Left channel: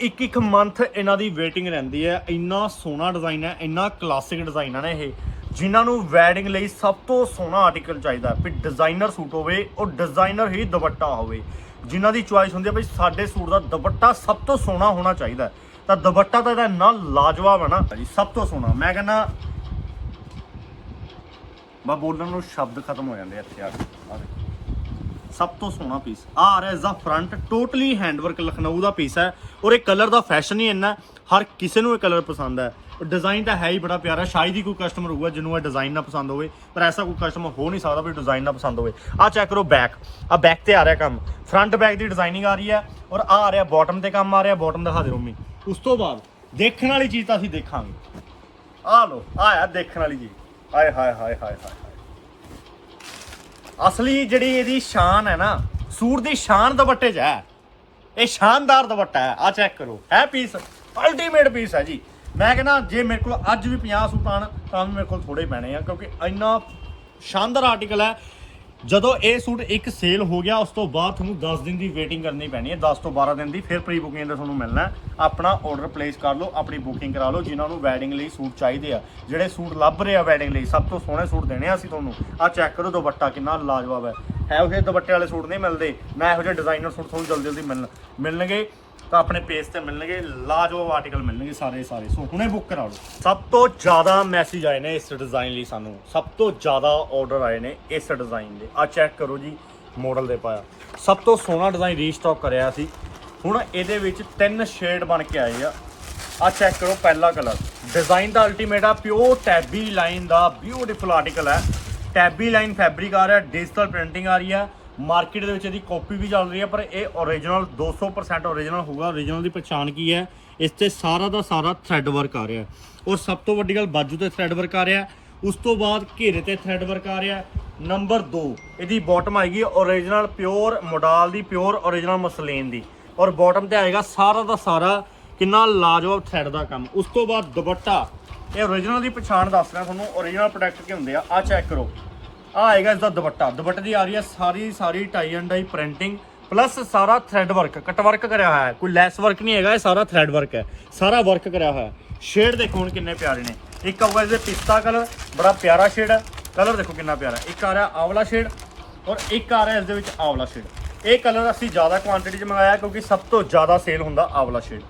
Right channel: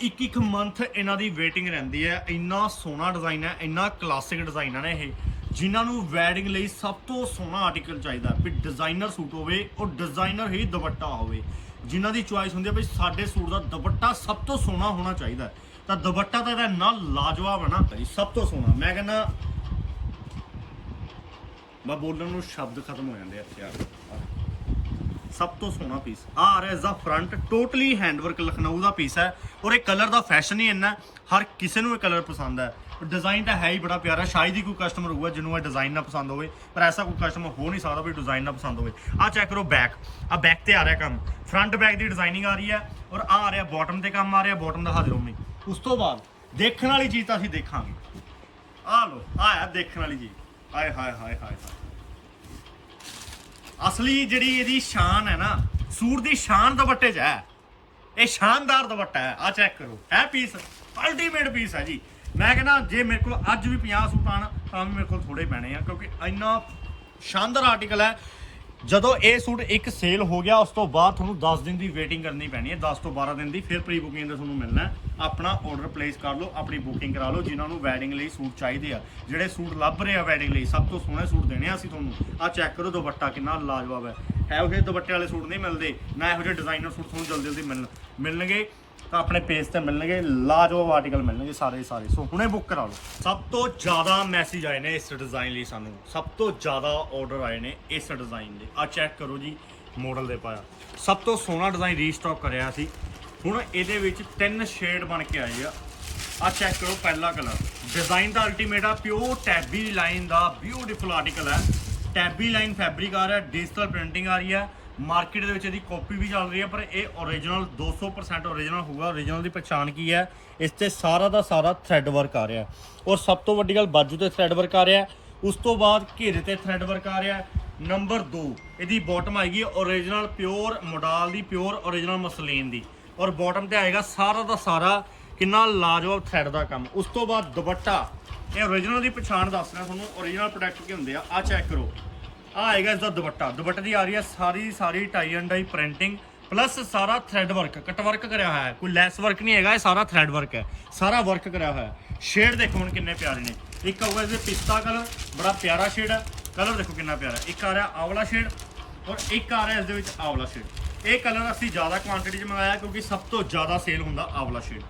ਇੱਕ ਇੱਕ ਮੰਥ ਇਹਨਾਂ ਦੀ ਵੇਟਿੰਗ ਰਹਿੰਦੀ ਹੈ। ਇੰਨਾ ਸੋਹਣਾ ਡਿਜ਼ਾਈਨ ਹੈ, ਇੰਨਾ ਕਲਾਸਿਕ ਡਿਜ਼ਾਈਨ ਹੈ ਇਹ, ਜਿਨ੍ਹਾਂ ਨੂੰ ਵੈਡਿੰਗ ਲਈ ਸਭ ਤੋਂ ਸੋਹਣਾ ਆਰਟੀਕਲ ਚਾਹੀਦਾ ਵੀ ਡਿਜ਼ਾਈਨਰ ਸੂਟ ਹੋਵੇ ਉਹ ਡਿਜ਼ਾਈਨਰ ਹੀ ਦੁਪੱਟਾ ਹੋਵੇ। ਜਿਨ੍ਹਾਂ ਦੀ ਚੁਆਇਸ ਹੁੰਦੀ ਹੈ ਬਈ ਸਾਡੇ ਸੂਟ ਦਾ ਦੁਪੱਟਾ ਸਭ ਤੋਂ ਸੋਹਣਾ ਹੋਣਾ ਚਾਹੀਦਾ ਤਾਂ ਦੁਪੱਟਾ ਤਾਂ ਇਹਦਾ ਇੰਨਾ ਲਾਜਵਾਬ ਹੈ ਨਾ ਜੀ ਸਭ ਤੋਂ ਸੋਹਣਾ। ਮੈਂ ਕਹਿੰਦਾ, ਮੈਂ ਬੋਲਣ ਨੂੰ ਸ਼ਬਦ ਖਤਮ ਹੋ ਜਾਂਦੇ ਇੱਥੇ ਆ ਕੇ। ਸਭ ਤੋਂ ਸੋਹਣਾ ਪੀਸ ਆ ਆ ਰਿਹਾ ਇਸ ਦਾ ਫਰੰਟ ਟੋਟਲੀ ਹੈਂਡਵਰਕ ਲਖਨਊ ਦਾ ਪੀਸ ਹੈ। ਔਰ ਇਹ ਕਲਰ ਦਾ ਫੈਸ਼ਨ ਹੀ ਇੰਨਾ ਹਰ ਕਿਸੇ ਨੂੰ ਇਹ ਕਲਰ ਪਸੰਦ ਹੈ। ਡਿਜ਼ਾਈਨ ਤਾਂ ਹੈ ਹੀ ਬੜਾ ਪਿਆਰਾ, ਸ਼ਾਇਦ ਹੀ ਕੋਈ ਕਸਟਮਰ ਹੋਊਗਾ ਜਿਹਨੂੰ ਇਹ ਡਿਜ਼ਾਈਨ ਨਾ ਪਸੰਦ ਹੋਵੇ, ਪਰ ਐਸਾ ਕੋਈ ਕਸਟਮਰ ਹੋ ਨਹੀਂ ਸਕਦਾ ਵੀ ਡਿਜ਼ਾਈਨ ਨਾ ਪਸੰਦ ਹੋਵੇ। ਆ ਚੈੱਕ ਕਰੋ ਬੈਕ ਆ ਬੈਕ ਤੇ ਆ ਰਿਹਾ ਕੰਮ। ਫਰੰਟ ਬੈਕ ਦੀ ਡਿਜ਼ਾਈਨਿੰਗ ਆ ਰਹੀ ਹੈ ਔਰ ਆ ਆ ਰਿਹਾ ਬਾਟਮ ਤੇ ਕੰਮ ਆ ਰਿਹਾ ਬਾਟਮ ਦਿਖਾ ਦਿਓ ਮੰਮੀ। ਉਸ ਤੋਂ ਬਾਅਦ ਦੇਖਣ ਵਾਲੀ ਚੀਜ਼ ਤਾਂ ਅਸੀਂ ਦੇਖਾਂਗੇ। ਆ ਲੋ ਆਇਆ ਦੇਖਣ ਵਾਲੀ ਚੀਜ਼। ਆਏ, ਹਾਏ ਹਾਏ ਹਾਏ ਹਾਏ ਹਾਏ। ਅਸਲੀ ਜਿਹੜੀ ਇਹਦੀ ਸ਼ਾਨ ਹੈ ਨਾ, ਸੂਟ ਦੀ ਸ਼ਾਨ ਦੁਪੱਟੇ 'ਚ ਹੈ। ਇਹ ਸ਼ਾਨਦਾਰ ਦੁਪੱਟਾ ਹੈ ਆ ਚੈੱਕ ਕਰੋ। ਹੈ ਪੀਸ ਅਲਟੀਮੇਟ ਪੀਸ ਹੈ ਜੀ। ਮੈਂ ਕਹਿੰਦਾ, ਜੇ ਮੇਰੇ ਕੋਲ ਅੱਜ ਵੀ 50 ਸੂਟ ਆਣ ਤਾਂ ਵੀ ਮੇਰੇ ਕੋਲ ਥੋੜੇ ਪੈਣੇ ਆ, ਕਿਉਂਕਿ ਇੰਨਾ ਸ਼ਾਨਦਾਰ ਆਰਟੀਕਲ ਹੈ। ਜਦੋਂ ਇਹ ਸੂਟ ਇੱਕ ਸੇਲ ਹੋ ਗਿਆ, ਉਸ ਤੋਂ ਬਾਅਦ ਤੁਹਾਨੂੰ 10 ਦਿਨ ਦੀ ਵੇਟਿੰਗ ਕਰਨੀ ਪੈਣੀ ਹੈ 10 ਤੋਂ 12 ਦਿਨ ਦੀ, ਫਿਰ ਪ੍ਰੀ ਬੁਕਿੰਗ ਦਾ ਤੁਹਾਨੂੰ ਮਿਲਣਾ ਆਪਣਾ ਆਰਡਰ ਪਲੇਸ ਕਰ ਲਓ, ਆਪਣੀ ਬੁਕਿੰਗ ਕਰਾ ਲਓ, ਜਿਨ੍ਹਾਂ ਨੂੰ ਵੈਡਿੰਗ ਲਈ ਸੂਟ ਚਾਹੀਦੇ ਆ। ਜਿਹੜੇ ਸੂਟ ਲੱਭ ਰਹੇ ਆ ਵੈਡਿੰਗ ਲਈ, ਸਭ ਤੋਂ ਸੋਹਣੇ ਸੂਟ ਦੇਣੇ ਆ ਅਸੀਂ ਤੁਹਾਨੂੰ। ਆ ਚੈੱਕ ਕਰੋ, ਦੁਪੱਟਾ ਕਿੰਨਾ ਲਾਜਵਾਬ ਹੈ। ਇਹੋ ਜਿਹੇ ਦੁਪੱਟੇ ਵਾਲੇ ਸੂਟ ਨਹੀਂ ਮਿਲਦੇ, ਨਾ ਇਹੋ ਜਿਹੇ ਡਿਜ਼ਾਈਨਰ ਸੂਟ ਤੁਹਾਨੂੰ ਜਲਦੀ ਜਲਦੀ ਮਿਲਣ ਮਿਲਣਗੇ। ਤਾਂ ਆਪਣੇ ਪੇਜ ਤੇ ਮਿਲਣਗੇ, ਲਾਜਵਾਬ ਆਰਟੀਕਲ ਮਿਲਣਗੇ ਸਾਰੇ ਸਾਰੇ। ਸੋ ਹੁਣੇ ਬੁੱਕ ਕਰਾ ਲਓ। ਸਭ ਤੋਂ ਜ਼ਿਆਦਾ ਮੈਸੇਜ ਆਏ ਨੇ ਇਸ ਡਿਜ਼ਾਈਨ ਲਈ ਸਾਨੂੰ। ਸਭ ਤੋਂ ਜ਼ਿਆਦਾ ਆਰਡਰ ਆਏ ਨੇ ਇਸ ਡਿਜ਼ਾਈਨ ਦੇ। ਆ ਚੈੱਕ ਕਰੋ ਜੀ ਮਾਡਲ ਦੇ ਪਾਇਆ। ਸਭ ਤੋਂ ਸੋਹਣਾ ਡਿਜ਼ਾਈਨ ਰੀਸਟਾਕ ਕਰਿਆ ਸੀ। ਹੁਣ ਇਹਦੇ ਵਿੱਚ ਤਿੰਨ ਸ਼ੇਡ ਬਣ ਕੇ ਆਏ ਆ। ਆ ਚੈੱਕ ਕਰੋ ਪਹਿਲਾ ਕਲਰ ਡਿਜ਼ਾਈਨ ਦਾ ਅਲਟੀਮੇਟ ਆ ਪਿਓਰ ਟੈਬੀ ਲਾਈਨ ਦਾ ਬਿਊਟੀਫੁਲ ਆਰਟੀਕਲ ਹੈ ਟੈਬੀ ਲਾਈਨ ਫੈਬਰਿਕ ਆ ਰਿਹਾ ਡਿਜੀਟਲ ਪ੍ਰਿੰਟਿੰਗ ਆ ਰਹੀ ਹੈ ਮਾਰਕੀਟ ਦੇ ਵਿੱਚ ਇਹਦੀ ਕਾਪੀ ਵੀ ਚੱਲ ਰਹੀ ਹੈ, ਪਰ ਇਹ ਓਰੀਜਨਲ 200% ਓਰੀਜਨਲ ਹੋਊਗਾ। ਓਰੀਜਨਲ ਦੀ ਪਛਾਣ ਕੀ ਹੈ? ਇਸ ਤੇ ਸਾਰਾ ਦਾ ਸਾਰਾ ਥ੍ਰੈਡ ਵਰਕ ਆ ਰਿਹਾ ਔਰ ਸਭ ਤੋਂ ਵੱਡੀ ਗੱਲ ਬਾਜੂ ਤੇ ਥ੍ਰੈਡ ਵਰਕ ਆ ਰਿਹਾ ਉਸ ਤੋਂ ਬਾਅਦ ਘੇਰੇ ਤੇ ਥ੍ਰੈਡ ਵਰਕ ਆ ਰਿਹਾ ਨੰਬਰ 2 ਇਹਦੀ ਬਾਟਮ ਆਏਗੀ ਓਰੀਜਨਲ ਪਿਓਰ ਮੋਡਲ ਦੀ ਪਿਓਰ ਓਰੀਜਨਲ ਮਸਲੀਨ ਦੀ। ਔਰ ਬਾਟਮ ਤੇ ਆਏਗਾ ਸਾਰਾ ਦਾ ਸਾਰਾ ਕਿੰਨਾ ਲਾਜਵਾਬ ਥ੍ਰੈਡ ਦਾ ਕੰਮ। ਉਸ ਤੋਂ ਬਾਅਦ ਦੁਪੱਟਾ, ਇਹ ਓਰੀਜਨਲ ਦੀ ਪਛਾਣ ਦੱਸ ਰਿਹਾ ਤੁਹਾਨੂੰ। ਓਰੀਜਨਲ ਪ੍ਰੋਡਕਟ ਕੀ ਹੁੰਦੇ ਆ ਆ ਚੈੱਕ ਕਰੋ। ਆ ਆਏਗਾ ਇਸ ਦਾ ਦੁਪੱਟਾ। ਦੁਪੱਟੇ ਦੀ ਆ ਰਹੀ ਹੈ ਸਾਰੀ ਸਾਰੀ tie and dye printing plus ਸਾਰਾ ਥ੍ਰੈਡ ਵਰਕ ਕਟ ਵਰਕ ਕਰਿਆ ਹੋਇਆ ਹੈ। ਕੋਈ ਲੈਸ ਵਰਕ ਨਹੀਂ ਹੈਗਾ, ਇਹ ਸਾਰਾ ਥ੍ਰੈਡ ਵਰਕ ਹੈ। ਸਾਰਾ ਵਰਕ ਕਰਿਆ ਹੋਇਆ ਹੈ। ਸ਼ੇਡ ਦੇਖੋ ਹੁਣ ਕਿੰਨੇ ਪਿਆਰੇ ਨੇ। ਇੱਕ ਆਊਗਾ ਇਹਦੇ ਪਿਸਤਾ ਕਲਰ ਬੜਾ ਪਿਆਰਾ ਸ਼ੇਡ ਹੈ ਕਲਰ ਦੇਖੋ ਕਿੰਨਾ ਪਿਆਰਾ ਇੱਕ ਆ ਰਿਹਾ ਆਵਲਾ ਸ਼ੇਡ ਔਰ ਇੱਕ ਆ ਰਿਹਾ ਇਸ ਦੇ ਵਿੱਚ ਆਵਲਾ ਸ਼ੇਡ ਇਹ ਕਲਰ ਅਸੀਂ ਜ਼ਿਆਦਾ ਕੁਆਂਟੀਟੀ 'ਚ ਮੰਗਾਇਆ ਕਿਉਂਕਿ ਸਭ ਤੋਂ ਜ਼ਿਆਦਾ ਸੇਲ ਹੁੰਦਾ ਆਵਲਾ ਸ਼ੇਡ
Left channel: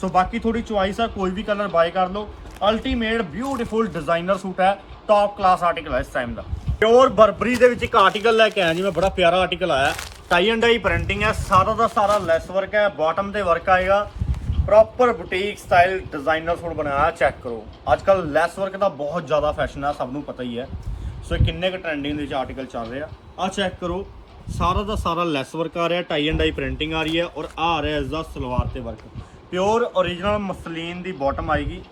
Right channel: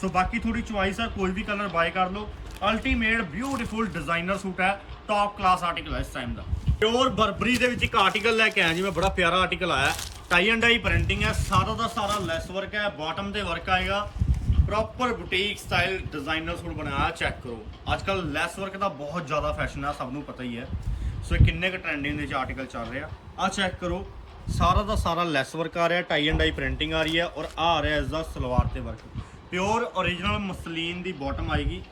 ਸੋ ਬਾਕੀ ਥੋੜੀ ਚੁਆਇਸ ਆ, ਕੋਈ ਵੀ ਕਲਰ ਬਾਏ ਕਰ ਲਓ। ਅਲਟੀਮੇਟ ਬਿਊਟੀਫੁਲ ਡਿਜ਼ਾਈਨਰ ਸੂਟ ਹੈ ਟਾਪ ਕਲਾਸ ਆਰਟੀਕਲ ਹੈ ਇਸ ਟਾਈਮ ਦਾ। ਪਿਓਰ ਬਰਬਰੀ ਦੇ ਵਿੱਚ ਇੱਕ ਆਰਟੀਕਲ ਲੈ ਕੇ ਆਇਆ ਜੀ, ਮੈਂ ਬੜਾ ਪਿਆਰਾ ਆਰਟੀਕਲ ਆਇਆ। ਟਾਈ ਐਂਡ ਡਾਈ ਪ੍ਰਿੰਟਿੰਗ ਹੈ, ਸਾਰਾ ਦਾ ਸਾਰਾ ਲੈਸ ਵਰਕ ਹੈ ਬਾਟਮ ਤੇ ਵਰਕ ਆਏਗਾ। Proper boutique style designer suit ਬਣਾਇਆ ਚੈੱਕ ਕਰੋ। ਅੱਜ ਕੱਲ ਲੈਸ ਵਰਕ ਦਾ ਬਹੁਤ ਜ਼ਿਆਦਾ ਫੈਸ਼ਨ ਹੈ, ਸਭ ਨੂੰ ਪਤਾ ਹੀ ਹੈ। ਸੋ ਇਹ ਕਿੰਨੇ ਕੁ ਟ੍ਰੈਂਡਿੰਗ ਦੇ ਵਿੱਚ ਆਰਟੀਕਲ ਚੱਲ ਰਿਹਾ। ਆ ਚੈੱਕ ਕਰੋ, ਸਾਰਾ ਦਾ ਸਾਰਾ ਲੈਸ ਵਰਕ ਆ ਰਿਹਾ ਟਾਈ ਐਂਡ ਡਾਈ ਪ੍ਰਿੰਟਿੰਗ ਆ ਰਹੀ ਹੈ ਔਰ ਆ ਆ ਰਿਹਾ ਇਸ ਦਾ ਸਲਵਾਰ ਤੇ ਵਰਕ ਪਿਓਰ origignal ਮਸਲੀਨ ਦੀ ਬਾਟਮ ਆਏਗੀ।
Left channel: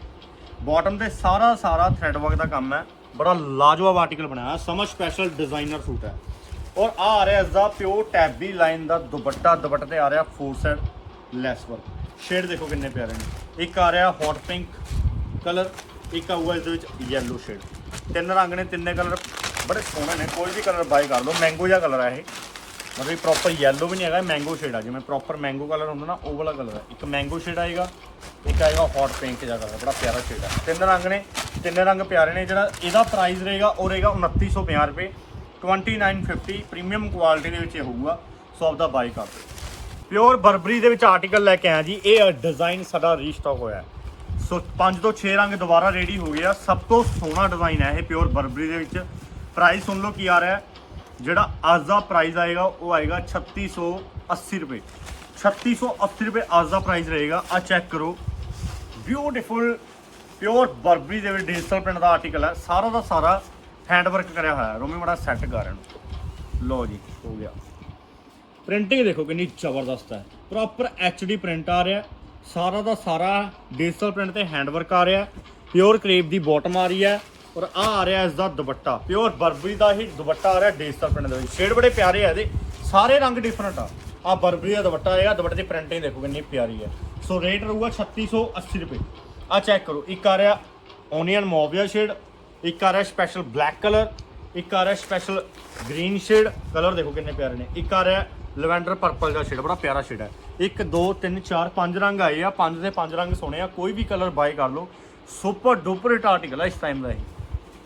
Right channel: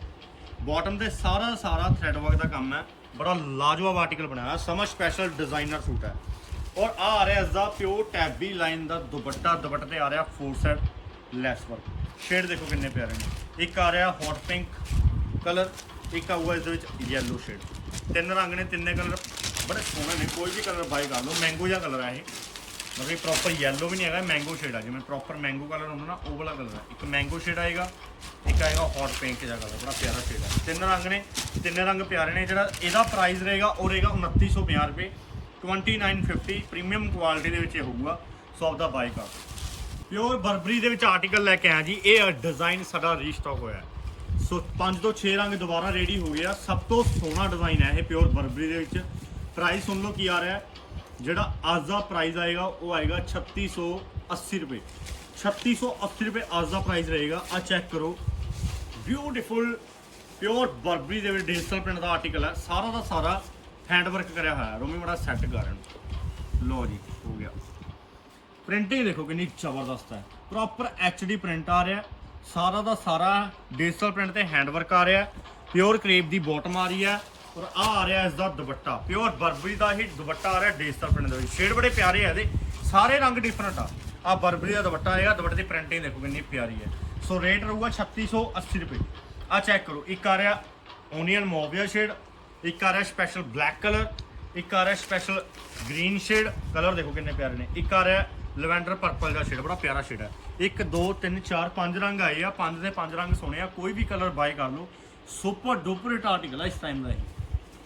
ਬਾਟਮ ਤੇ ਸਾਰਾ ਸਾਰਾ ਥ੍ਰੈਡ ਵਰਕ ਦਾ ਕੰਮ ਹੈ। ਬੜਾ ਲਾਜਵਾਬ ਆਰਟੀਕਲ ਬਣਾਇਆ। ਸਮਝ ਸਪੈਸ਼ਲ ਡਿਜ਼ਾਈਨਰ ਸੂਟ ਹੈ। ਔਰ ਆ ਆ ਰਿਹਾ ਇਸ ਦਾ ਪਿਓਰ ਟੈਬੀ ਲਾਈਨ ਦਾ ਦੁਪੱਟਾ। ਦੁਪੱਟੇ ਤੇ ਆ ਰਿਹਾ four side lace work shade ਦੇਖੋ ਕਿੰਨੇ ਪਿਆਰੇ ਨੇ। ਇੱਕ ਆ ਰਿਹਾ ਹੌਟ ਪਿੰਕ ਕਲਰ ਇੱਕ ਆਊਗਾ ਇਸ ਦੇ ਵਿੱਚ ਯੈਲੋ ਸ਼ੇਡ ਤਿੰਨ ਰੰਗ ਨੇ, ਤਿੰਨੇ ਕਲਰ ਬੜੇ ਸੋਹਣੇ ਨੇ। ਕੋਈ ਵੀ ਕਲਰ ਬਾਈ ਕਰ ਲਓ। ਮੈਂਗੋ ਜਿਹਾ ਕਲਰ ਹੈ ਇਹ। ਮਤਲਬ ਪ੍ਰੋਪਰ ਯੈਲੋ ਵੀ ਨਹੀਂ ਹੈਗਾ ਮੈਂਗੋ ਸ਼ੇਡ ਆ। ਜਿਵੇਂ ਪ੍ਰੋਪਰ ਮੈਂਗੋ ਕਲਰ ਹੁੰਦਾ ਨਾ, ਉਹ ਵਾਲਾ ਕਲਰ ਹੈ ਇੱਕ ਮੈਂਗੋ ਸ਼ੇਡ ਆਏਗਾ, ਇੱਕ ਆਏਗਾ ਹੌਟ ਪਿੰਕ ਜਿਹਾ ਕਲਰ ਬੜਾ ਪਿਆਰਾ ਸ਼ੇਡ ਹੈ ਤਿੰਨ ਰੰਗ ਨੇ। ਤਿੰਨੇ ਰੰਗ ਪਿਆਰੇ ਨੇ, ਜਿਹੜਾ ਇਹਦਾ ਪ੍ਰਾਈਸ ਰਹੇਗਾ, ਉਹ ਰਹੇਗਾ 2950 ਰੁਪਏ। 2950 ਪ੍ਰੀਮੀਅਮ ਕੁਆਲਿਟੀ ਦੇ ਵਿੱਚ ਇਹ ਹੋਊਗਾ ਸੋ ਆਪਦਾ ਬਾਈ ਕਰ। ਦਿਓ ਪਿਓਰ ਬਰਬਰੀ ਦੇ ਵਿੱਚ ਆਰਟੀਕਲ ਲੈ ਕੇ ਆਇਆ ਜੀ, ਇਹ ਡਿਜ਼ਾਈਨ ਸਾਡਾ ਰੀਸਟਾਕ ਹੋਇਆ ਸੋ 5 ਤੋਂ 6 ਰੰਗ ਦੁਬਾਰਾ ਰੈਡੀ ਹੋ ਗਿਆ ਸਭ ਤੋਂ ਸੋਹਣਾ ਡਿਜ਼ਾਈਨ ਹੈ ਇਹ ਪਿਓਰ ਬਰਬਰੀ ਦੇ ਵਿੱਚ। ਪ੍ਰਾਈਸ ਸੁਣ ਲਓ ਕੀ ਆ ਰਿਹਾ ਜਿਹੜਾ ਅੱਜ ਦਾ ਪ੍ਰਾਈਸ ਆਏਗਾ, ਉਹ ਆਏਗਾ 3680 ਰੁਪਏ। 3680 ਰੁਪਏ ਅੱਜ ਦਾ ਪ੍ਰਾਈਸ ਰਹੇਗਾ। ਆ ਚੈੱਕ ਕਰੋ। ਬਿਊਟੀਫੁਲ ਪਿਓਰ ਬਰਬਰੀ ਦੇ ਵਿੱਚ ਡਿਜੀਟਲ ਪ੍ਰਿੰਟ ਦਾ ਆਰਟੀਕਲ ਹੈ। ਸਾਰਾ ਦਾ ਸਾਰਾ ਹੈਂਡ ਵਰਕ ਕਰਿਆ ਹੋਇਆ ਹੈ। ਰੋਮੀ ਮੜਾ ਸੈੱਟ ਕਰ ਇਹਨੂੰ। ਲੋ ਜੀ, ਹੋ ਗਿਆ। ਪ੍ਰਿੰਟਿੰਗ ਦੇਖੋ ਕਿੰਨੀ ਜ਼ਬਰਦਸਤ ਹੈ। ਪ੍ਰੋਪਰ ਡੀ ਪ੍ਰਿੰਟ ਆ ਰਿਹਾ ਸਾਰਾ ਦਾ ਸਾਰਾ ਡਿਜੀਟਲ ਪ੍ਰਿੰਟ ਤੇ ਹੈਂਡ ਵਰਕ ਆ ਰਿਹਾ ਪਿਓਰ ਕ੍ਰੇਪ ਦੀ ਬਾਟਮ ਆ ਰਹੀ ਹੈ ਔਰ ਆ ਆ ਰਿਹਾ ਇਸ ਦਾ ਦੁਪੱਟਾ। ਪਿਓਰ ਬਰਬਰੀ ਦਾ ਹੀ ਦੁਪੱਟਾ ਆ ਰਿਹਾ ਡਿਜੀਟਲ ਪ੍ਰਿੰਟ ਦੇ ਵਿੱਚ। ਸ਼ੇਡ ਬੜੇ ਪਿਆਰੇ ਆ ਇਹਦੇ। ਸਾਰੇ ਰੰਗ ਡਿਫਰੈਂਟ ਆ। ਆ ਬਰਬਰੀ ਦਾ ਦੁਪੱਟਾ ਆਏਗਾ। ਦੁਪੱਟੇ ਦੀ ਪ੍ਰਿੰਟਿੰਗ ਦੇਖੋ ਕਿੰਨੀ ਪਿਆਰੀ ਹੈ। ਸੋ ਰੇਟ ਰਹੂਗਾ 3680 ਰੁਪਏ। ਆ ਚੈੱਕ ਕਰੋ। ਇੱਕ ਆ ਰਿਹਾ ਓਨੀਅਨ ਮੋਵੀਆ ਸ਼ੇਡ ਇੱਕ ਆ ਰਿਹਾ ਸਪੈਸ਼ਲ ਬਲੈਕ ਕਲਰ ਇੱਕ ਆ ਰਿਹਾ ਸਪੈਸ਼ਲ ਗ੍ਰੀਨ ਸ਼ੇਡ ਕਲਰ ਦੇਖੋ ਕਿੰਨੇ ਪਿਆਰੇ ਨੇ। ਇੱਕ ਆ ਰਿਹਾ ਲਵੈਂਡਰ ਪਰਪਲ ਦਾ ਸ਼ੇਡ ਬੜਾ ਪਿਆਰਾ ਸ਼ੇਡ ਹੈ। 1 2 3 4 5 ਰੰਗ ਆਏ ਆ। ਪੰਜ ਦੇ ਪੰਜ ਰੰਗ ਸੋਹਣੇ ਆ। ਕੋਈ ਵੀ ਕਲਰ ਬਾਈ ਕਰ ਲਓ। ਸੁਪਰ ਡੁਪਰ ਹਿੱਟ ਆਰਟੀਕਲ ਆ ਇਸ ਟਾਈਮ ਦਾ ਇਹ।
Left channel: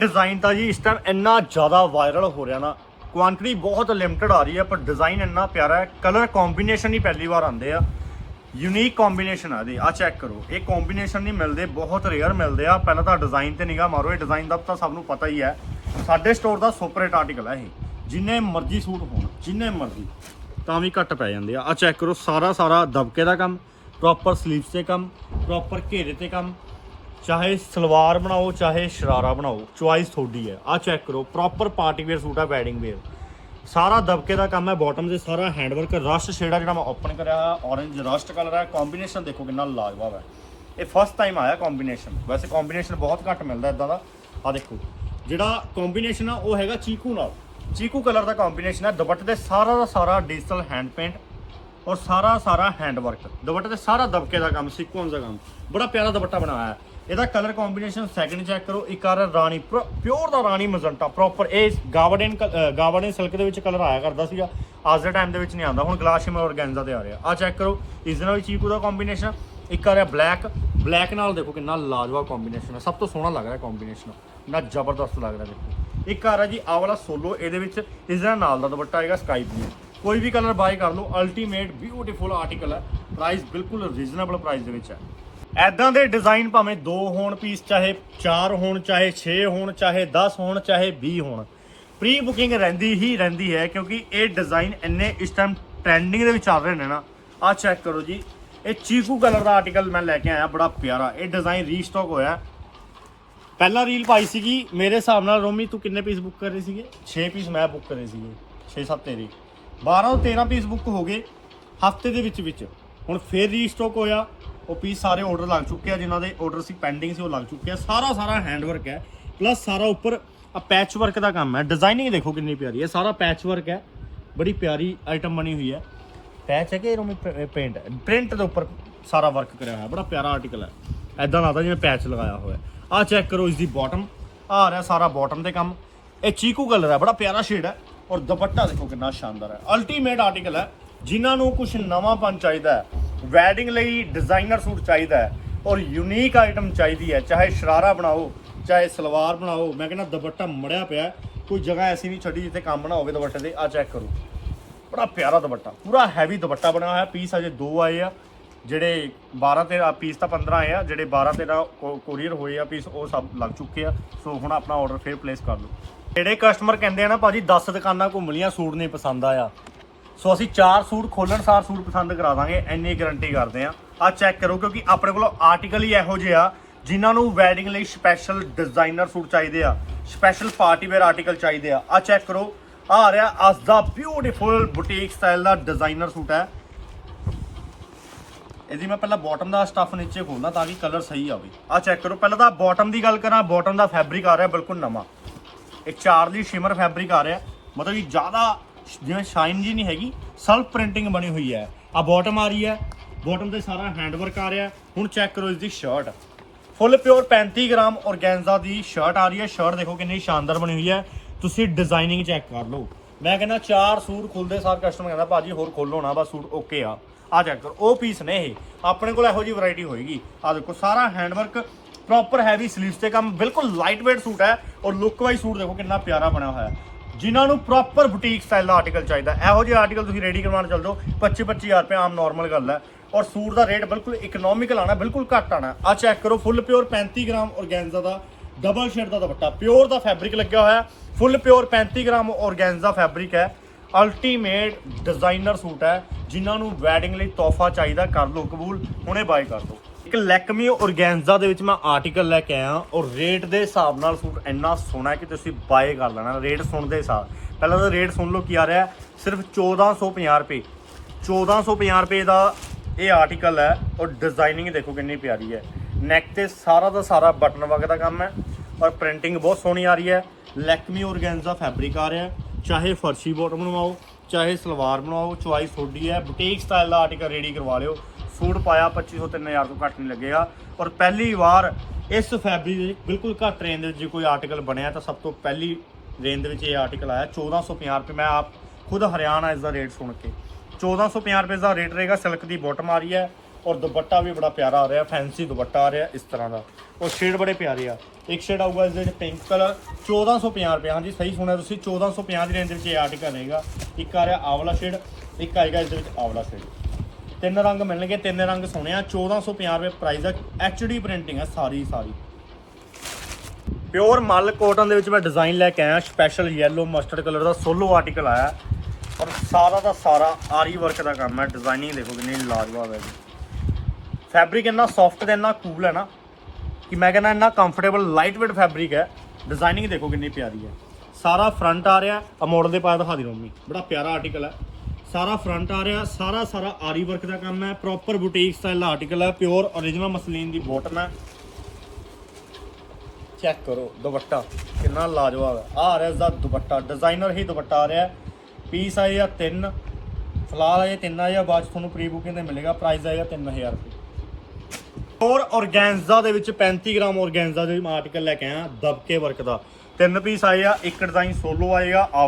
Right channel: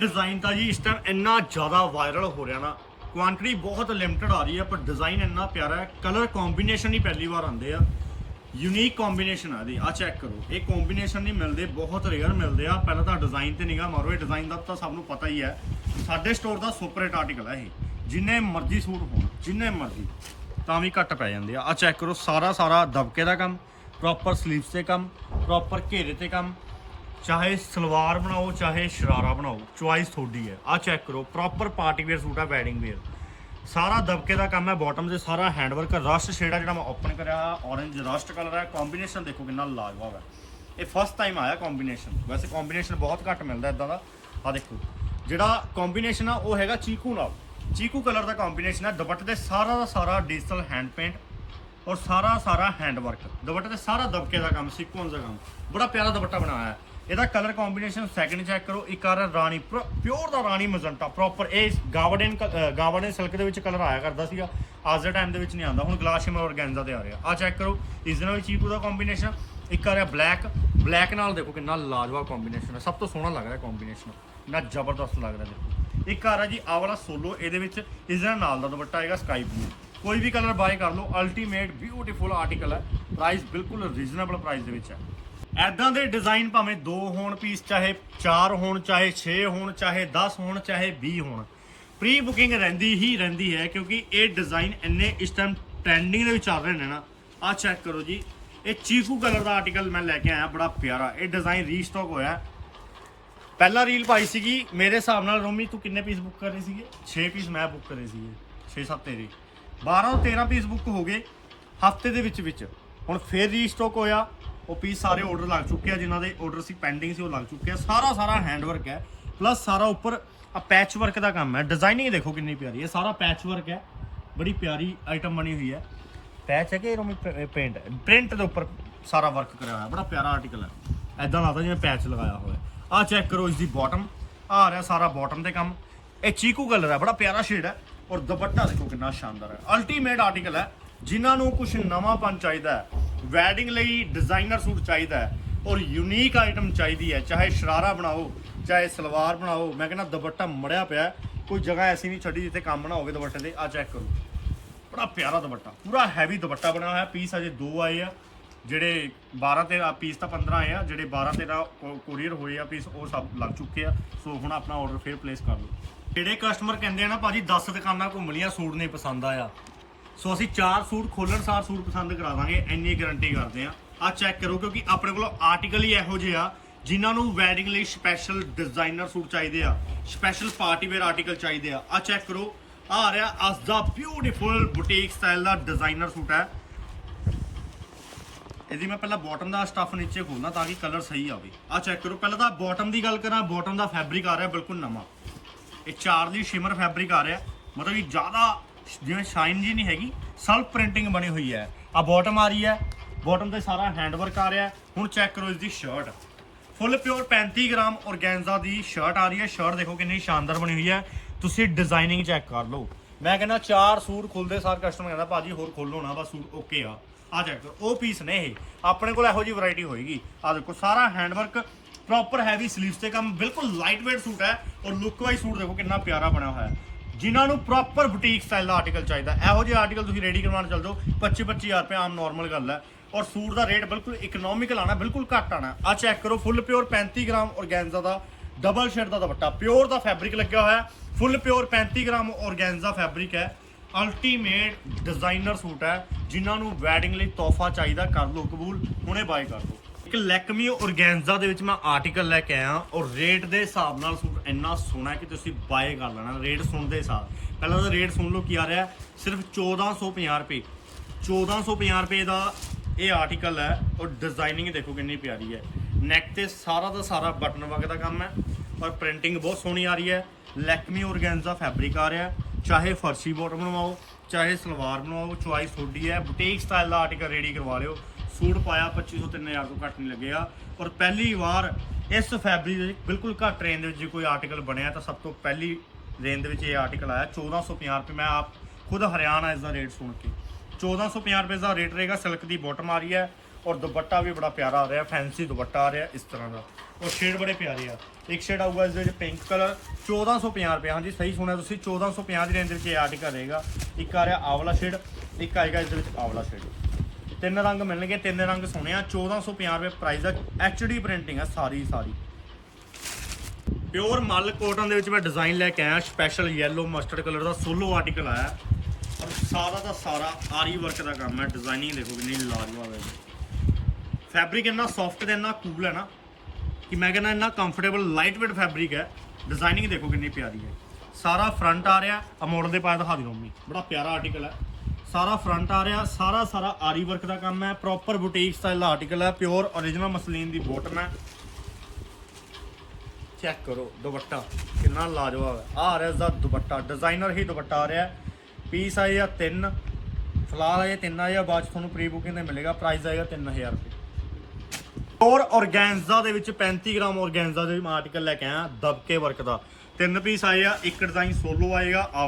ਡਿਜ਼ਾਈਨ ਤਾਂ ਜੀ ਇਸ ਟਾਈਮ ਇੰਨਾ ਜ਼ਿਆਦਾ ਵਾਇਰਲ ਹੋ ਰਿਹਾ ਨਾ। ਕੁਆਂਟੀਟੀ ਬਹੁਤ ਲਿਮਟਿਡ ਆ ਰਹੀ ਹੈ, ਪਰ ਡਿਜ਼ਾਈਨ ਇੰਨਾ ਪਿਆਰਾ ਹੈ। ਕਲਰ ਕੰਬੀਨੇਸ਼ਨ ਹੀ ਪਹਿਲੀ ਵਾਰ ਆਉਂਦੇ ਆ। ਯੂਨੀਕ ਕੰਬੀਨੇਸ਼ਨ ਆ ਦੇ ਆ ਚੈੱਕ ਕਰੋ। ਇਹ ਕੰਬੀਨੇਸ਼ਨ ਨਹੀਂ ਮਿਲਦੇ, ਬਹੁਤ ਰੇਅਰ ਮਿਲਦੇ ਆ। ਪਹਿਲਾਂ ਤਾਂ ਡਿਜ਼ਾਈਨ ਤੇ ਨਿਗਾਹ ਮਾਰੋ, ਇਹ ਡਿਜ਼ਾਈਨ ਦਾ ਤਾਂ ਸਭ ਨੂੰ ਪਤਾ ਹੀ ਹੈ। ਸਾਡੇ ਸਟੋਰ ਦਾ ਸੁਪਰ ਹਿੱਟ ਆਰਟੀਕਲ ਹੈ ਇਹ। ਜਿੰਨੇ ਮਰਜ਼ੀ ਸੂਟ ਹੋਣ, ਜਿੰਨੇ ਮਰਜ਼ੀ, ਤਾਂ ਵੀ ਘੱਟ ਪੈ ਜਾਂਦੇ ਆ। ਆ ਚੈੱਕ ਕਰੋ, ਸਾਰਾ ਸਾਰਾ ਦਬਕੇ ਦਾ ਕੰਮ ਪ੍ਰੋਪਰ ਸਲੀਵਸ ਤੇ ਕੰਮ ਪ੍ਰੋਪਰ ਘੇਰੇ ਤੇ ਕੰਮ, ਚਾਹੇ ਸਲਵਾਰ ਬਣਾਓ, ਚਾਹੇ ਸ਼ਰਾਰਾ ਬਣਾਓ ਚੁਆਇਸ ਤੁਹਾਡੀ ਹੈ। ਆ ਚੈੱਕ ਕਰੋ ਪ੍ਰੋਪਰ ਪਾਰਟੀ ਵੇਅਰ ਸੂਟ ਆ ਵੈਡਿੰਗ ਵੇਅਰ ਸਾਰਾ ਦਬਕੇ ਦਾ ਕੰਮ ਹੈ ਬਾਟਮ ਦੇ ਸਾਰਾ ਹੈਂਡ ਵਰਕ ਰਸਟ ਸ਼ੇਡ ਆ ਜਿਹੜਾ ਮੈਂ ਓਪਨ ਕਰਿਆ ਔਰੇਂਜ ਰਸਟ ਕਲਰ ਹੈ। ਕੰਬੀਨੇਸ਼ਨ ਦੇਖੋ ਕਿੰਨਾ ਲਾਜਵਾਬ ਹੈ। ਇਹ ਫਸਟ ਟਾਈਮ ਆਇਆ ਕੰਬੀਨੇਸ਼ਨ ਵੈਸੇ ਕੰਬੀਨੇਸ਼ਨ ਬਹੁਤ ਘੱਟ ਮਿਲਦਾ ਇਦਾਂ ਦਾ। ਆ ਦੇਖੋ, ਜਿਹੜਾ ਕੰਬੀਨੇਸ਼ਨ ਆ, ਉਹ ਹੈਗਾ ਚੀਕੂ ਨਾਲ। ਚੀਕੂ ਕਲਰ ਦਾ ਕੰਬੀਨੇਸ਼ਨ ਹੈ। ਦੁਪੱਟੇ ਦੇ ਸਾਰਾ ਦਾ ਸਾਰਾ ਡਿਜੀਟਲ ਹੈਂਡ ਪੇਂਟ ਔਰ ਸਾਰਾ ਸਾਰਾ ਹੈਂਡ ਵਰਕ ਦੁਪੱਟੇ ਤੇ ਸਾਰਾ ਦਬਕੇ ਦਾ ਕੰਮ ਸੀਕੁਐਂਸ ਦਾ ਕੰਮ। ਬੜਾ ਪਿਆਰਾ ਦੁਪੱਟਾ ਬਣਾਇਆ ਹੈ। ਇਹਦਾ ਕਲਰ ਕੰਬੀਨੇਸ਼ਨ ਸੈਕਿੰਡ ਚੈੱਕ ਕਰੋ। ਇੱਕ ਆ ਰਿਹਾ ਰਾਣੀ ਪਿਓਰ ਦਾ ਰਾਣੀ ਮਜ਼ੰਟਾ ਪ੍ਰੋਪਰ ਇਹ ਗਾਵਰਡਨ ਗਾਵਰਡਨ ਸਿਲਕ ਦੇ ਵਿੱਚ ਕਲਰ ਆਇਆ ਕਰਦਾ ਸੀਗਾ। ਅੱਜ ਦੇ ਟਾਈਮ ਦੇ ਵਿੱਚ ਨਹੀਂ ਆਉਂਦਾ, ਹੁਣ ਗਲਾਸ ਸ਼ਿਮਰ ਔਰਗੈਂਜ਼ਾ ਤੇ ਆ ਰਿਹਾ। ਆ ਚੈੱਕ ਕਰੋ ਇਸ ਦੇ ਨਾਲ ਵੀ ਚੀਕੂ ਦਾ ਕੰਬੀਨੇਸ਼ਨ ਇੱਕ ਆ ਰਿਹਾ ਬਲੈਕ ਬਲੈਕ ਨਾਲ ਦੇਖੋ ਕਿੰਨਾ ਲਾਜਵਾਬ ਕੰਬੀਨੇਸ਼ਨ ਹੈ, ਸਭ ਤੋਂ ਸੋਹਣਾ ਲੱਗ ਰਿਹਾ ਕੰਬੀਨੇਸ਼ਨ ਨਾ ਜ਼ਬਰਦਸਤ ਲੱਗ ਰਿਹਾ ਦੇਖੋ। ਇੱਕ ਆ ਰਿਹਾ ਜੀ ਆ ਵਾਲਾ ਸੋਲੋ ਇਹਦੇ ਵਿੱਚ ਇਸ ਦੇ ਨਾਲ ਦਾ ਦੁਪੱਟਾ ਆਏਗਾ ਸਕਾਈ ਬਲੂ ਕੋਈ ਵੀ ਕਲਰ ਬਾਏ ਕਰ ਲਓ ਅਲਟੀਮੇਟ ਬਿਊਟੀਫੁਲ ਆਰਟੀਕਲ ਹੈ। ਪ੍ਰਾਈਸ ਬਿਲਕੁਲ ਰੀਜ਼ਨੇਬਲ ਪ੍ਰਾਈਸ ਦੇ ਵਿੱਚ ਹੈ। ਐਦਾਂ ਦੇ ਡਿਜ਼ਾਈਨ ਭਾਵੇਂ 2 ਹੋਣ ਪੀਸ ਚਾਹੇ 4 ਹੋਣ, ਚਾਹੇ 6 ਹੋਣ, ਚਾਹੇ 10 ਹੋਣ, ਚਾਹੇ 20 ਹੋਣ। ਪ੍ਰੀ ਬੁਕਿੰਗ ਰਹਿੰਦੀ ਹੀ ਰਹਿੰਦੀ ਹੈ ਕਿਉਂਕਿ ਇਹ ਡਿਜ਼ਾਈਨ ਇੰਨੇ ਇਸ ਟਾਈਮ ਟ੍ਰੈਂਡਿੰਗ ਦੇ ਵਿੱਚ ਚੱਲ ਰਹੇ ਨੇ ਨਾ। ਆਹ ਚੈੱਕ ਕਰੋ ਜੀ। ਇਹ ਚੀਕੂ ਕਲਰ ਦਾ ਆਰਟੀਕਲ ਮੈਂ ਲੈ ਕੇ ਆਇਆ, ਬੜਾ ਪਿਆਰਾ। ਇਹ ਡਿਜ਼ਾਈਨ ਰੀਸਟਾਕ ਹੋਇਆ। ਪਹਿਲਾ ਰੀਲ ਪਾਈ ਸੀਗੀ। ਮੇਰੇ ਹਿਸਾਬ ਨਾਲ ਰੋਮੀ, ਤੂੰ ਕਿੰਨੇ ਪੀਸ ਬੁੱਕ ਕਰੇ ਸੀਗੇ? 6 ਪੀਸ ਮੈਂ ਬੁੱਕ ਕਰੇ ਸੀਗੇ। 6-7 ਤੇਰੇ। 12 ਤੋਂ 13 ਪੀਸ ਬੁੱਕ ਹੋ ਗਏ ਹਫ਼ਤੇ ਦੇ ਵਿੱਚ ਵਿੱਚ। ਹੁਣ ਫੇਰ ਰੀਸਟਾਕ ਹੋਇਆ। ਉਹ ਪੀਸ ਸਾਰੇ ਆਰਡਰ ਲੱਗ ਚੁੱਕੇ ਆ, ਜਿਨ੍ਹਾਂ ਦੇ ਆਰਡਰ ਸੀ ਪੈਂਡਿੰਗ ਸੀ, ਉਹ ਲੱਗ ਚੁੱਕੇ ਆ। ਸਾਰਾ ਸਾਰਾ ਹੈਂਡ ਵਰਕ ਹੈ ਪਲੱਸ ਸਾਰਾ ਉੱਪਰ ਆ ਪੈਚ ਵਰਕ ਦਾ ਕੰਮ ਹੈ। ਡਿਜ਼ਾਈਨਿੰਗ ਦੇਖੋ ਕਿੰਨੀ ਪਿਆਰੀ ਹੈ, ਸਾਰਾ ਪੈਚ ਵਰਕ ਹੈ, ਬੜੀ ਪਿਆਰੀ ਆਈਟਮ ਬਣੀ ਹੋਈ ਹੈ। ਪੈਚ ਹੈ ਕਿ ਰੋਮੀ ਪੇਂਟ ਪ੍ਰਿੰਟ ਦੇ ਉੱਪਰ ਸਾਰਾ ਵਰਕ ਕਰਿਆ ਹੋਇਆ, ਬੜਾ ਪਿਆਰਾ ਆਰਟੀਕਲ ਹੈ। ਐਦਾਂ ਲੱਗਦਾ ਜਿਵੇਂ ਪੈਚ ਲਗਾਇਆ ਹੋਇਆ ਆ ਚੈੱਕ ਕਰੋ ਇਸ ਦੀ ਬਾਟਮ ਆ ਰਿਹਾ ਸਾਰਾ ਬਾਟਮ ਦੇ ਕੰਮ। ਇਹ ਚੀਕੂ ਕਲਰ ਹੈ, ਬੜਾ ਪਿਆਰਾ ਸ਼ੇਡ ਹੈ ਔਰ ਦੁਪੱਟਾ ਦੇਖੋ ਕਿੰਨਾ ਸ਼ਾਨਦਾਰ ਹੈ। ਅਲਟੀਮੇਟ ਆਰਟੀਕਲ ਹੈ, ਜਿਨ੍ਹਾਂ ਨੂੰ ਕੁਝ ਨਵਾਂਪਨ ਚਾਹੀਦਾ ਹੈ। ਵੈਡਿੰਗ ਲਈ ਡਿਜ਼ਾਈਨਰ ਸੂਟ ਚਾਹੀਦਾ ਹੈ ਔਰ ਯੂਨੀਕ ਆਈਟਮ ਚਾਹੀਦੀ ਹੈ, ਚਾਹੇ ਸ਼ਰਾਰਾ ਬਣਾਓ, ਚਾਹੇ ਸਲਵਾਰ ਬਣਾਓ। ਮੈਂ ਕਹਿੰਦਾ ਦੁਪੱਟਾ ਮੜਿਆ ਪਿਆ ਕੋਈ ਜਗ੍ਹਾ ਐਸੀ ਨਹੀਂ ਛੱਡੀ ਜਿੱਥੇ ਕੰਮ ਨਾ ਹੋਵੇ ਦੁਪੱਟੇ 'ਤੇ, ਆ ਚੈੱਕ ਕਰੋ। ਬੜਾ ਪਿਆਰਾ ਦੁਪੱਟਾ, ਪੂਰਾ ਹੈਵੀ ਦੁਪੱਟਾ ਬਣਿਆ ਹੋਇਆ ਪੀਸ ਅਜੇ ਦੋ ਆਏ ਆ, ਜਿਹੜੇ 12 ਤੇ ਪੀਸ ਤਾਂ 15 ਆਏ ਆ, ਜਿਹੜੇ 12 ਤੇ ਦਾ ਕੋਰੀਅਰ ਹੋਏ ਆ ਪੀਸ ਉਹ ਸਭ ਲੱਗ ਚੁੱਕੇ ਆ। ਸੋ ਹੁਣ ਆਪਣਾ ਆਰਡਰ ਫੇਰ ਪਲੇਸ ਕਰ ਲਓ। ਜਿਹੜੇ ਕਸਟਮਰ ਕਹਿੰਦੇ ਆ ਨਾ, ਭਾਜੀ 10 ਦੁਕਾਨਾਂ ਘੁੰਮ ਲੀਆਂ ਸੂਟ ਨਹੀਂ ਪਸੰਦ ਆਇਆ। ਸੋ ਅਸੀਂ ਚਾਰ ਸੂਟ ਖੋਲਣ, ਸਾਰ ਸੂਟ ਪਸੰਦ ਕਰਾ ਦਾਂਗੇ ਇੰਨੀ ਗਾਰੰਟੀ ਕਰਦੇ ਆ ਆ ਚੈੱਕ ਕਰੋ, ਕਿਉਂਕਿ ਆਪਣੇ ਕੋਲ ਆਰਟੀਕਲ ਹੀ ਇਹੋ ਜਿਹੇ ਆ, ਜਿਨ੍ਹਾਂ ਨੂੰ ਵੈਡਿੰਗ ਲਈ ਸਪੈਸ਼ਲ ਡਿਜ਼ਾਈਨਰ ਸੂਟ ਚਾਹੀਦੇ ਆ ਸਪੈਸ਼ਲ ਪਾਰਟੀ ਵੇਅਰ ਆਰਟੀਕਲ ਚਾਹੀਦੇ ਆ। ਆ ਚੈੱਕ ਕਰੋ ਆ ਰਿਹਾ ਅਸ ਦਾ ਬਿਊਟੀਫੁਲ ਬੁਟੀਕ ਸਟਾਈਲ ਦਾ ਡਿਜ਼ਾਈਨਰ ਸੂਟ ਹੈ। ਇਹਦੀ ਮੈਂ ਪਹਿਲਾਂ ਬਾਟਮ ਦਾ ਸਟੱਫ ਨੀਚੇ ਖੋਲਦਾ ਤਾਂ ਕਿ ਕਲਰ ਸਹੀ ਆਵੇ। ਆ ਚੈੱਕ ਕਰੋ, ਪਹਿਲਾਂ ਤਾਂ ਬਾਟਮ ਦੀ ਗੱਲ ਕਰਾਂ ਬਾਟਮ ਦਾ ਫੈਬਰਿਕ ਆ ਰਿਹਾ ਬਿਲਕੁਲ ਨਵਾਂ। ਇਹ ਚਾਰਲੀ ਸ਼ਿਮਰ ਫੈਬਰਿਕ ਆ ਰਿਹਾ, ਮਤਲਬ ਕਿ ਜ਼ਿਆਦਾ ਜਿਵੇਂ ਸ਼ਾਈਨ ਜੀ ਨਹੀਂ ਹੈਗੀ ਸੈਲਫ ਪ੍ਰਿੰਟਿੰਗ ਬਣੀ ਹੋਈ ਹੈ। ਆ ਬਾਟਮ ਆ ਰਹੀ ਹੈ। ਬਾਟਮ ਤੇ ਸਾਰਾ ਹੈਂਡ ਵਰਕ ਆ ਰਿਹਾ ਹੁਣ ਚੈੱਕ ਕਰੋ ਇਸ ਦੀ shirt full pure 35 gram organza ਦੀ ਸ਼ਰਟ ਆ ਰਹੀ ਹੈ। ਸ਼ਰਟ ਦੇਖੋ ਕਿੰਨੀ ਸ਼ਾਨਦਾਰ ਬਣੀ ਹੋਈ ਹੈ। ਤੁਸੀਂ ਡਿਜ਼ਾਈਨਿੰਗ ਚੈੱਕ ਕਰ ਲਓ। ਮੈਂ ਕਹਿੰਦਾ ਚਾਰ ਸੂਟ ਖੁੱਲਦੇ, ਸਾਰ ਕਸਟਮਰ ਕਹਿੰਦਾ, ਭਾਜੀ, ਹੋਰ ਖੋਲੋ ਨਾ, ਬਸ ਸੂਟ ਓਕੇ ਆ। ਆ ਚੈੱਕ ਕਰੋ। ਉਹ ਪੀਸ ਨੇ ਇਹ। ਆਪਣੇ ਕੋਲ ਇਹੋ ਜੀ ਵੈਰਾਈਟੀ ਹੋਏਗੀ। ਆ ਦੇਖੋ, ਸਾਰਾ hand work proper heavy sleeves ਤੇ ਕੰਮ, ਬਿਲਕੁਲ ਲਾਈਟ weight ਸੂਟ ਹੈ। ਔਰ ਲੁੱਕ ਵਾਈਜ਼ ਸੂਟ ਦੇਖੋ ਕਿੰਨਾ ਪਿਆਰਾ ਬਣਿਆ ਹੋਇਆ ਹੈ। ਜਿਨ੍ਹਾਂ ਨੂੰ ਪ੍ਰੋਪਰ ਬੁਟੀਕ ਸਟਾਈਲ ਦਾ ਆਰਟੀਕਲ ਚਾਹੀਦਾ ਇਹੋ ਜਿਹੇ ਆਰਟੀਕਲ ਤੁਸੀਂ ਰੈਡੀ ਕਰਵਾਉਣ ਚੱਲ ਜਾਓ। 25 25000 ਰੁਪਏ ਆਮ ਨਾਰਮਲ ਗੱਲ ਹੈ। ਔਰ ਸੂਟ ਦਾ ਰੇਟ ਬਿਲਕੁਲ ਇਕਨੋਮਿਕਲ ਆਣਾ ਬਿਲਕੁਲ ਘੱਟ ਆਣਾ ਆ ਚੈੱਕ ਕਰੋ ਫੁੱਲ ਪਿਓਰ 35 ਗ੍ਰਾਮ ਔਰਗੈਂਜ਼ਾ ਦਾ ਡਬਲ ਸ਼ੇਡ ਦਾ ਦੁਪੱਟਾ। ਪਿਓਰ ਦਾ ਫੈਬਰਿਕ ਲੱਗਿਆ ਹੋਇਆ full pure 35 gram organza fabric ਹੈ। ਅਲਟੀਮੇਟ ਡਿਜ਼ਾਈਨਰ ਸੂਟ ਹੈ, ਜਿਨ੍ਹਾਂ ਨੂੰ ਵੈਡਿੰਗ ਲਈ ਤੋਹਫਾ ਚਾਹੀਦਾ, ਕਰ ਲਓ ਕਬੂਲ, ਹੁਣੇ ਬਾਏ ਕਰ ਲਓ ਇੱਕ ਲੈਕਮੀ ਔਰਗੈਂਜ਼ਾ ਦੇ ਵਿੱਚ ਮੈਂ ਆਰਟੀਕਲ ਲੈ ਕੇ ਆਇਆ ਔਰ ਰੇਟ ਦੇ ਹਿਸਾਬ ਨਾਲ ਸੂਟ ਇੰਨਾ ਸੋਹਣਾ ਹੈ ਕਿ ਤੁਸੀਂ ਬਾਏ ਕਰ ਲੈਣਾ ਰੇਟ ਸੁਣਦੇ ਹਿਸਾਬ ਪਹਿਲਾਂ ਤਾਂ ਰੇਟ ਸੁਣ ਲਓ ਕੀ ਆ ਰਿਹਾ ਹੈ, ਸਿਰਫ 1450 ਰੁਪਏ। 1450 ਰੁਪਏ ਦਾ ਇਹ ਆਰਟੀਕਲ ਹੈ ਔਰ ਡਿਜ਼ਾਈਨਿੰਗ ਦੇਖੋ ਕਿੰਨੀ ਪਿਆਰੀ ਹੈ। ਨੈਕ ਤੇ ਸਾਰਾ ਦਾ ਸਾਰਾ ਬਟਨ ਵਗ ਦਾ ਕੰਮ ਹੈ ਔਰ ਪ੍ਰਿੰਟਿੰਗ ਬਹੁਤ ਸੋਹਣੀ ਆ ਰਹੀ ਹੈ। ਲੈਕਮੀ ਔਰਗੈਂਜ਼ਾ ਫੈਬਰਿਕ ਆ ਰਿਹਾ ਚਾਹੇ ਫਰਸ਼ੀ ਬੋਟਮ ਬਣਵਾਓ ਚਾਹੇ ਸਲਵਾਰ ਬਣਵਾਓ ਚੁਆਇਸ ਤੁਹਾਡੀ ਹੈ। ਬੁਟੀਕ ਸਟਾਈਲ ਦਾ ਆਰਟੀਕਲ ਰੈਡੀ ਕਰਵਾ ਲਿਓ। ਸੂਟ ਪਾਇਆ 2500 3000 ਤੋਂ ਘੱਟ ਨਹੀਂ ਲੱਗੇਗਾ। ਔਰ ਪਹਿਲੀ ਵਾਰ ਇਸ ਫੈਬਰਿਕ ਬਿਲਕੁਲ ਘੱਟ ਰੇਂਜ ਦੇ ਵਿੱਚ ਜੇ ਕੋਈ ਆਰਟੀਕਲ ਬਣਿਆ, ਤਾਂ ਸਭ ਤੋਂ ਪਹਿਲੀ ਰੇਂਜ ਦੇ ਵਿੱਚ ਇਹ ਆਰਟੀਕਲ ਆਇਆ 1450 ਰੁਪਏ। ਮੈਂ ਆਪ ਖੁਦ ਹਰਿਆਣਾ ਇਸ ਦਾ ਰੇਟ ਸੁਣ ਕੇ। 1450 ਰੁਪਏ ਦਾ ਰੇਟ ਰਹੇਗਾ ਸਿਲਕ ਦੀ ਬੋਟਮ ਆ ਰਹੀ ਹੈ, ਔਰ ਦੁਪੱਟਾ ਵੀ ਬੜਾ ਪਿਆਰਾ ਆ ਰਿਹਾ ਫੈਂਸੀ ਦੁਪੱਟਾ ਆ ਰਿਹਾ, ਇਸ ਤਰ੍ਹਾਂ ਦਾ। ਔਰ ਸ਼ੇਡ ਬੜੇ ਪਿਆਰੇ ਆ। ਇੱਕ ਸ਼ੇਡ ਆਊਗਾ, ਇਸ ਦੇ ਵਿੱਚ ਪਿੰਕ ਕਲਰ 1450 ਰੁਪਏ। ਹਾਂਜੀ, ਸਹੀ ਸੁਣਿਆ ਤੁਸੀਂ 1450 ਦੀ ਰੇਂਜ ਦੇ ਵਿੱਚ ਇਹ ਆਰਟੀਕਲ ਰਹੇਗਾ। ਇੱਕ ਆ ਰਿਹਾ ਆਵਲਾ ਸ਼ੇਡ ਇੱਕ ਆਏਗਾ ਇਸ ਦੇ ਵਿੱਚ ਆਵਲਾ ਸ਼ੇਡ ਤਿੰਨ ਰੰਗ ਮਿਲਣਗੇ, ਤਿੰਨ ਰੰਗ ਸੋਹਣੇ ਆ। 1450 ਰੁਪਏ ਪ੍ਰਾਈਸ ਦਾ ਐਚਡੀ ਪ੍ਰਿੰਟਿੰਗ ਹੈ ਸਾਰੀ ਸਾਰੀ। ਪਿਓਰ ਮਲ ਕੋਟਨ ਦੇ ਵਿੱਚ ਮੈਂ ਡਿਜ਼ਾਈਨ ਲੈ ਕੇ ਆਇਆ। ਸਪੈਸ਼ਲ ਯੈਲੋ ਮਸਟਰਡ ਕਲਰ ਦਾ ਸੋਲੋ ਆਰਟੀਕਲ ਆਇਆ। ਔਰ ਸਾਰਾ ਦਾ ਸਾਰਾ ਆਰੀ ਵਰਕ ਦਾ ਕੰਮ ਹੈ ਡਿਜ਼ਾਈਨਿੰਗ ਦੇਖੋ ਕਿੰਨੀ ਲਾਜਵਾਬ ਹੈ। ਜੀ ਫੈਬਰਿਕ ਇੰਨਾ ਸੌਫਟ ਤੇ ਇੰਨਾ ਕੂਲ ਹੈ ਨਾ ਕਿ ਮੈਂ ਕਹਿੰਦਾ ਇੰਨਾ ਕੰਫਰਟੇਬਲ ਲਾਈਟ ਵੇਟ ਫੈਬਰਿਕ ਹੈ। ਡਿਜ਼ਾਈਨਿੰਗ ਦੇਖੋ ਕਿੰਨੀ ਪਿਆਰੀ ਹੈ। ਸਾਰਾ ਫਰੰਟ ਆ ਰਿਹਾ। ਆ ਮੋਡਲ ਦੇ ਪਾਇਆ ਦਿਖਾ ਦੀ ਰੋਮੀ ਬੜਾ ਪਿਆਰਾ ਆਰਟੀਕਲ ਹੈ। ਸਾਰਾ ਫਰੰਟ ਆ ਰਿਹਾ, ਸਾਰਾ ਸਾਰਾ ਆਰੀ ਵਰਕ ਦਾ ਕੰਮ ਹੈ ਪ੍ਰੋਪਰ ਬੁਟੀਕ ਸਟਾਈਲ ਆਰਟੀਕਲ ਹੈ ਪਿਓਰ origignal ਮਸਲੀਨ ਦੀ ਬੋਟਮ ਹੈ। ਚੈੱਕ ਕਰੋ, ਦੁਪੱਟਾ ਕਿੰਨਾ ਲਾਜਵਾਬ ਹੈ। ਆ ਰਿਹਾ ਇਸ ਦਾ ਦੁਪੱਟਾ ਡਿਜ਼ਾਈਨਰ ਹੀ ਦੁਪੱਟਾ ਆ ਰਿਹਾ ਪੀਸ ਆਏ ਆਏਗਾ 3 ਫਿਲਹਾਲ ਇਹ 3 ਆਏਗਾ ਬਾਅਦ 'ਚ ਤੁਹਾਨੂੰ ਪ੍ਰੀ ਬੁਕਿੰਗ ਤੇ ਮਿਲੇਗਾ ਪ੍ਰਾਈਸ ਆਏਗਾ 3000 ਰੁਪਏ। ਔਰ ਔਰਗੈਂਜ਼ਾ ਦੇ ਵਿੱਚ 35 ਗ੍ਰਾਮ ਔਰਗੈਂਜ਼ਾ ਦੇ ਆਰਟੀਕਲ ਲੈ ਕੇ ਆਇਆ, ਦਬਕੇ ਵਰਕ ਦਾ। ਤਿੰਨ ਪੀਸ ਆਏ ਆ, ਇੱਕ ਡਿਜ਼ਾਈਨ ਸੋਲੋ ਆਏਗਾ ਆ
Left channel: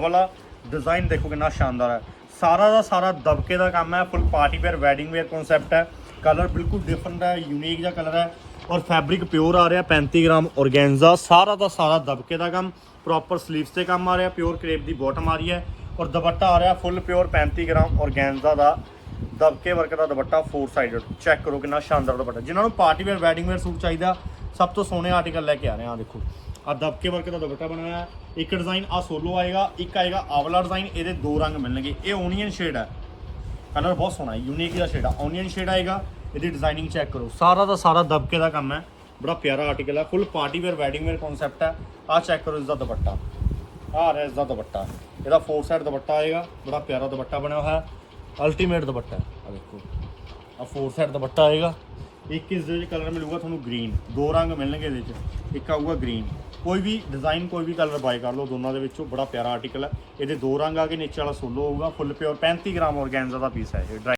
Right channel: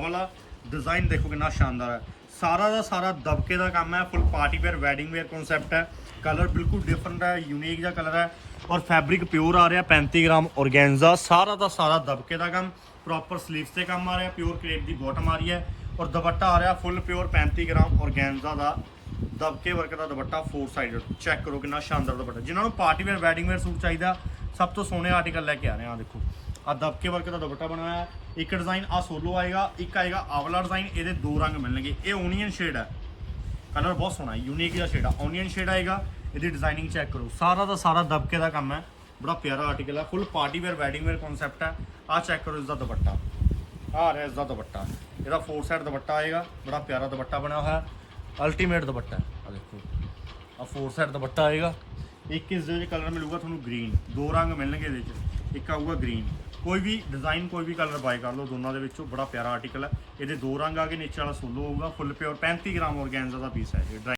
ਡਿਜ਼ਾਈਨ ਦੇਖੋ ਕਿੰਨਾ ਸ਼ਾਨਦਾਰ ਹੈ। ਸਾਰਾ ਦਾ ਸਾਰਾ ਦਬਕੇ ਦਾ ਕੰਮ ਹੈ full party wear wedding wear concept ਹੈ। ਕਲਰ ਬਿਲਕੁਲ ਡਿਫਰੈਂਟ ਹੈ ਯੂਨੀਕ ਜਿਹਾ ਕਲਰ ਹੈ। ਔਰ ਫੈਬਰਿਕ ਪਿਓਰ ਆ ਰਿਹਾ 35 ਗ੍ਰਾਮ ਔਰਗੈਂਜ਼ਾ ਸਾਰਾ ਦਾ ਸਾਰਾ ਦਬਕੇ ਦਾ ਕੰਮ ਪ੍ਰੋਪਰ ਸਲੀਵਸ ਤੇ ਕੰਮ ਆ ਰਿਹਾ ਪਿਓਰ ਕ੍ਰੇਪ ਦੀ ਬਾਟਮ ਆ ਰਹੀ ਹੈ। ਔਰ ਦੁਪੱਟਾ ਆ ਰਿਹਾ ਫੁੱਲ ਪਿਓਰ 35 ਗ੍ਰਾਮ ਔਰਗੈਂਜ਼ਾ ਦਾ ਦਬਕੇ ਵਰਕ ਦਾ ਦੁਪੱਟਾ ਫੋਰ ਸਾਈਡਡ ਚੈੱਕ ਕਰੋ ਕਿੰਨਾ ਸ਼ਾਨਦਾਰ ਦੁਪੱਟਾ। ਜਿਨ੍ਹਾਂ ਨੂੰ party wear wedding wear suit ਚਾਹੀਦਾ, ਸਭ ਤੋਂ ਸੋਹਣੇ ਆਰਟੀਕਲ ਲੈ ਕੇ ਆ ਰਹੇ ਆ ਦੇਖੋ। ਆ ਦਬਕੇ ਵਰਕ ਦਾ ਦੁਪੱਟਾ ਬਣਾਇਆ ਹੈ। ਇੱਕ ਡਿਜ਼ਾਈਨ ਆ ਸੋਲੋ ਆਏਗਾ, ਇੱਕ ਆਏਗਾ ਆਵਲਾ ਡਿਜ਼ਾਈਨ ਇਹਦੇ ਦੋ ਰੰਗ ਮਿਲਣਗੇ। ਇਹ ਓਨੀਅਨ ਸ਼ੇਡ ਹੈ। ਕਲਰ ਬਹੁਤ ਸੋਹਣਾ ਹੈ ਯੂਨੀਕ ਜਿਹਾ ਸ਼ੇਡ ਆ। ਓਨੀਅਨ ਸ਼ੇਡ ਆਏਗਾ, ਇਹਦੀ ਡਿਜ਼ਾਈਨਿੰਗ ਚੈੱਕ ਕਰੋ। ਸਾਰਾ ਦਾ ਸਾਰਾ ਦਬਕੇ ਦਾ ਕੰਮ ਹੈ। ਬੜਾ ਪਿਆਰਾ ਆਰਟੀਕਲ ਹੈ। Full party wear wedding wear concept ਹੈ। ਆ ਚੈੱਕ ਕਰੋ ਇਸ ਦਾ ਦੁਪੱਟਾ। ਆ ਰਿਹਾ ਇਸ ਦਾ ਦੁਪੱਟਾ। ਇਹਦਾ ਫੋਰ ਸਾਈਡ ਦੁਪੱਟਾ ਆਏਗਾ। ਬੜਾ ਪਿਆਰਾ ਦੁਪੱਟਾ ਬਣਿਆ ਹੋਇਆ ਅਲਟੀਮੇਟ ਦੁਪੱਟਾ ਹੈ। ਆ ਦੇਖੋ। ਆ ਫੋਰ ਸਾਈਡ ਦੁਪੱਟਾ ਆਏਗਾ। ਇੱਕ ਇਸ ਦੇ ਵਿੱਚ ਕਲਰ ਮਿਲੂਗਾ ਤੁਹਾਨੂੰ ਗ੍ਰੀਨ ਦੋ ਰੰਗ ਮਿਲਣਗੇ ਇਹਦੇ ਵਿੱਚ। ਇੱਕ ਆਊਗਾ ਗ੍ਰੀਨ ਕੋਈ ਵੀ ਡਿਜ਼ਾਈਨ ਕੋਈ ਵੀ ਕਲਰ ਬਾਈ ਕਰ ਲਓ, ਦੋਨਾਂ ਦੇ ਵਿੱਚੋਂ ਬੜਾ ਪਿਆਰਾ ਆਰਟੀਕਲ ਹੈ। ਇਹਦੇ ਦੋ ਰੰਗ ਆ ਗਏ, ਨੀਚੇ ਵਾਲਾ ਸੋਲੋ ਹੋਊਗਾ ਫੁੱਲ ਪਿਓਰ 35 ਗ੍ਰਾਮ ਔਰਗੈਂਜ਼ਾ ਦਾ ਪੀਸ ਹੈ ਇਹ